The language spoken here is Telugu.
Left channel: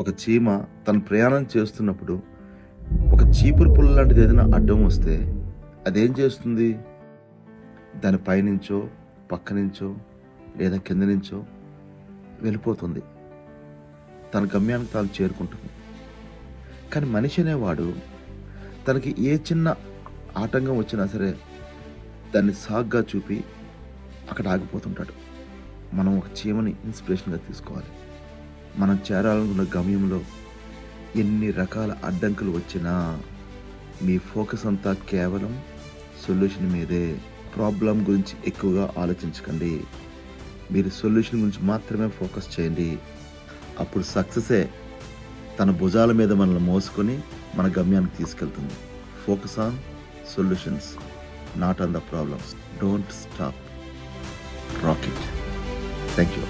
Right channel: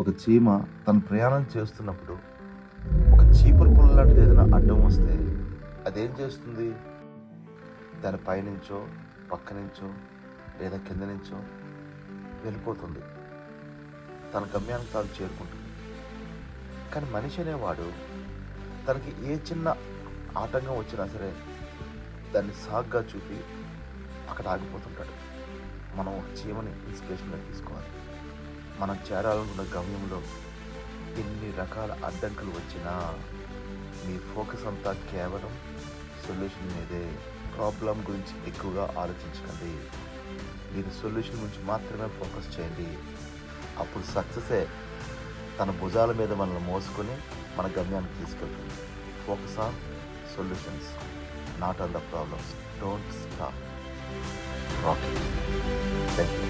ఒక చీమ తను ప్రయాణం చేస్తున్నప్పుడు ఒక చీపురు పుల్ల లాంటిది ఏదైనా అడ్డం వస్తే అదేం చేస్తుంది? దాని పైనుంచో పక్క నుంచో లేదా కింద నుంచో వెళ్ళిపోతుంది, తన గమ్యానికి తాను చేరుకుంటుంది. కానీ మనిషి అనేవాడు తనకి ఏ చిన్న ఆటంకం వచ్చినా సరే దాన్ని సాగ్గా చూపి అక్కడ ఆగిపోతుంటాడు. మనం ఒక చీమని ఇన్స్పిరేషన్గా తీసుకోవాలి. మనం చేరాలనుకున్న గమ్యంలో ఎన్ని రకాల అడ్డంకులు వచ్చినా మీ ఫోకస్ అంతా కేవలం సొల్యూషన్ మీదే. ప్రాబ్లం గురించి ఎక్కువగా ఆలోచించకండి, మీరు సొల్యూషన్ గురించి మాత్రమే ఫోకస్ చేయండి. అప్పుడు సక్సెసే తన భుజాల మీద మనల్ని మోసుకొని మన గమ్యానికి తీసుకెళ్తుంది. Focus on solutions, not on the problems. Don't stop rocking. Thank you.